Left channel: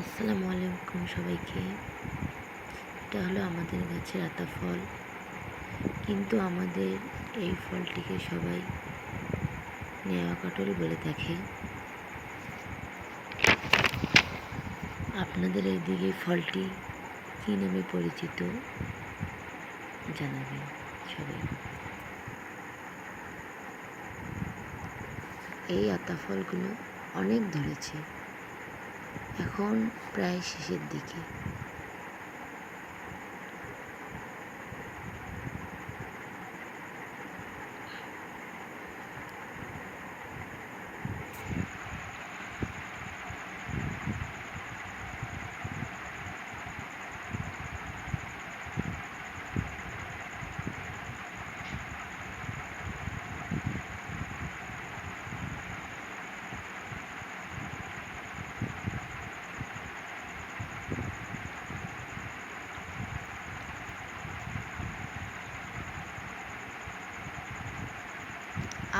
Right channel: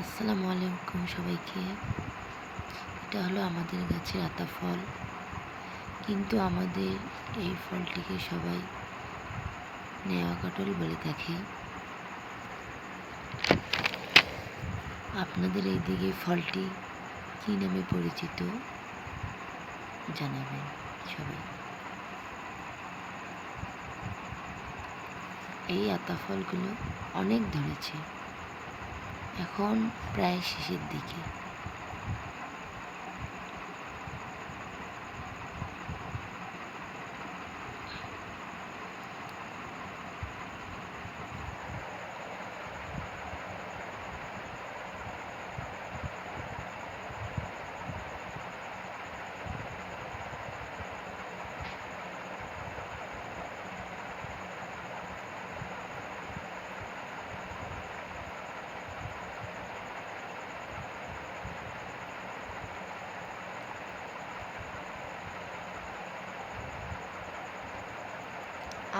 আসসালামু আলাইকুম সবাইকে। এটা হলো আমাদের গাছের আতা ফল, কিন্তু আমাদের এই ফলটিকে সবাই নেওয়া কাটল বলে থাকে। আপনাদের এই দিকে ফলটি কী নামে পরিচিত জানাবেন সবাই। এই আতা ফলগুলো অনেক ধরেছে, এখন প্রায় শেষের দিকে।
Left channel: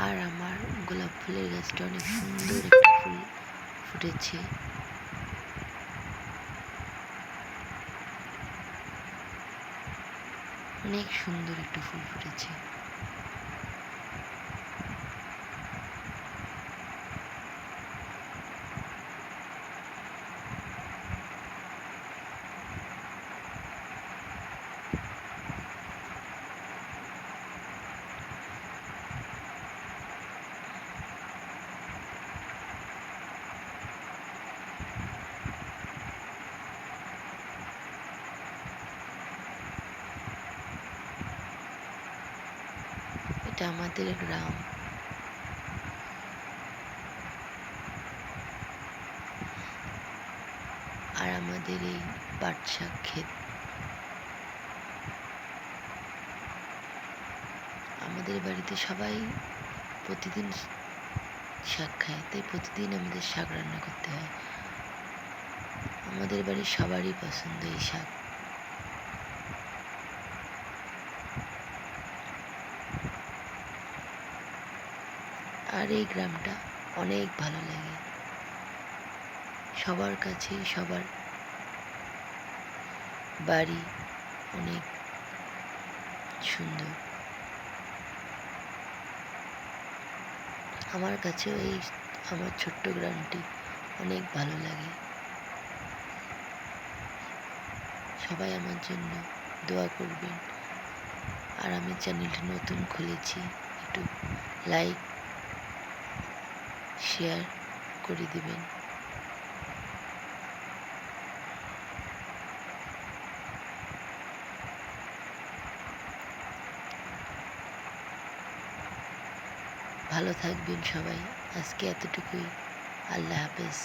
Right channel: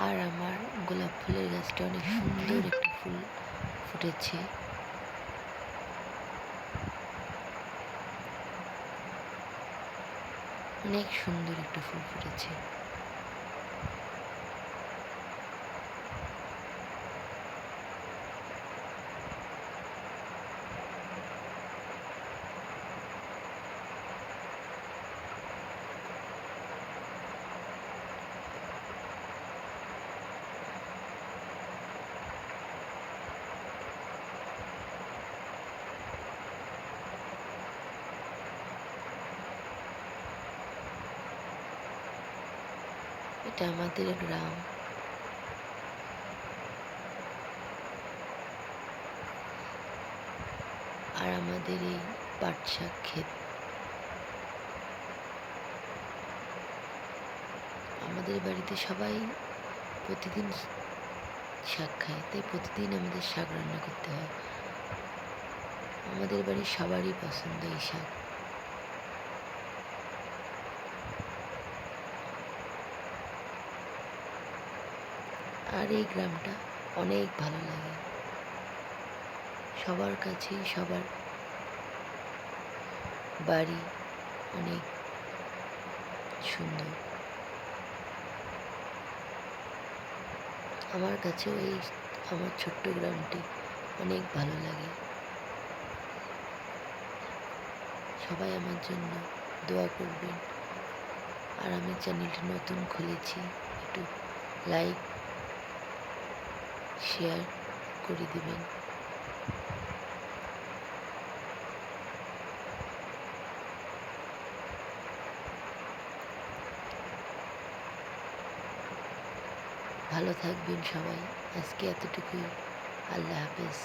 আর আমার গোলাপ ফুলের গাছটা অনেক সুন্দর একটা ফুল ফুটেছে। অনেক সুন্দর একটা ফুল ফুটেছে। এটা আমাদের গ্রাম। আর আমাদের এই পাট শাক ক্ষেত। আমাদের বাড়িতে সবাই প্রতিদিন শাক খায়, তাই প্রতিদিন আমাদের শাক রান্না করতে হয়। আমাদের বাড়ির সবারই পছন্দ এই শাক। আর এই গ্রামটা অনেক ভালো লাগে সবার কাছে। সবার বাড়ি অনেক সুন্দর। আমার কাছেও এই আমার ছোট্ট গ্রামটি অনেক ভালো লাগে। সবাই আমার জন্য দোয়া করবেন। আর আমি চ্যানেলটি নতুন খুলেছি, একটু লাইক শেয়ার করে দিবেন। ভালো থাকবেন সবাই। আজকে এতটুকুই। আল্লাহ হাফেজ।